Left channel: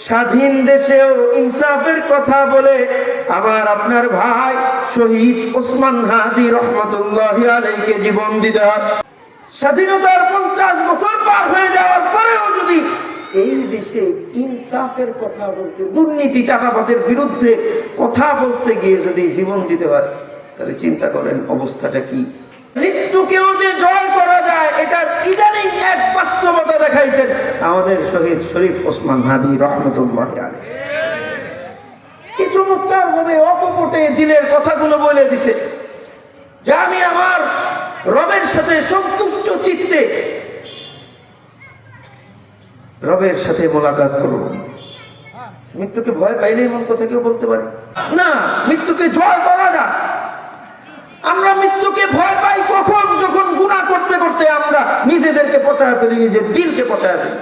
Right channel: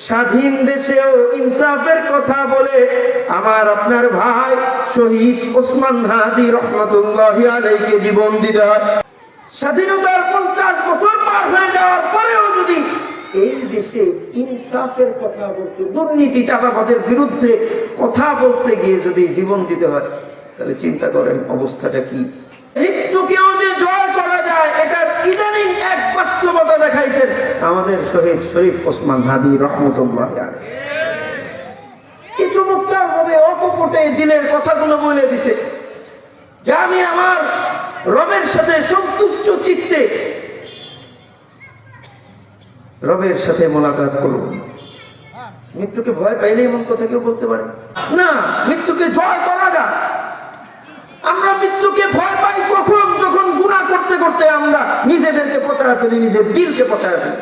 স্বাধীন দেশেও ইনসাফের কথা বলে আমার আপনার ভাই শহীদ ওসমান হাদি রহমাতুল্লাহি আলাইহিকে জীবন দিতে হয়। স্বাধীনতার 50 বছর পার হয়ে যাওয়ার পরেও যদি এই দেশে ইনসাফের কথা বলতে, দুর্নীতি চাঁদাবাজের বিরুদ্ধে কথা বলতে গিয়ে যদি জীবন দিতে হয়, তাহলে চিন্তা করেন অবস্থাটা কি। মৃত্যুকেও যে জয় করা যায়, এটা ইদানিং এক বাস্তবতা দেখাইছেন আমাদের শহীদ শরীফ ওসমান হাদি রহমতুল্লাহি আলাইহি। কি চমৎকার ভাবে অকপটে দিলের কথাগুলো বলে দিছে যে আমি আমার রবের সাথে সন্তুষ্ট চিত্তে রবের সাথে মোলাকাত করব। মৃত্যুকে ভয় পাইলে এমন কথা কেউ বলতে পারে না। মৃত্যুকে জয় করা যায়। আমরা মৃত্যুকে ভয় পাই কখন? যখন গুনাহ করতে করতে আমরা নিজেদেরকে পচায় ফেলি, নিজের দিলকে পচায় ফেলি।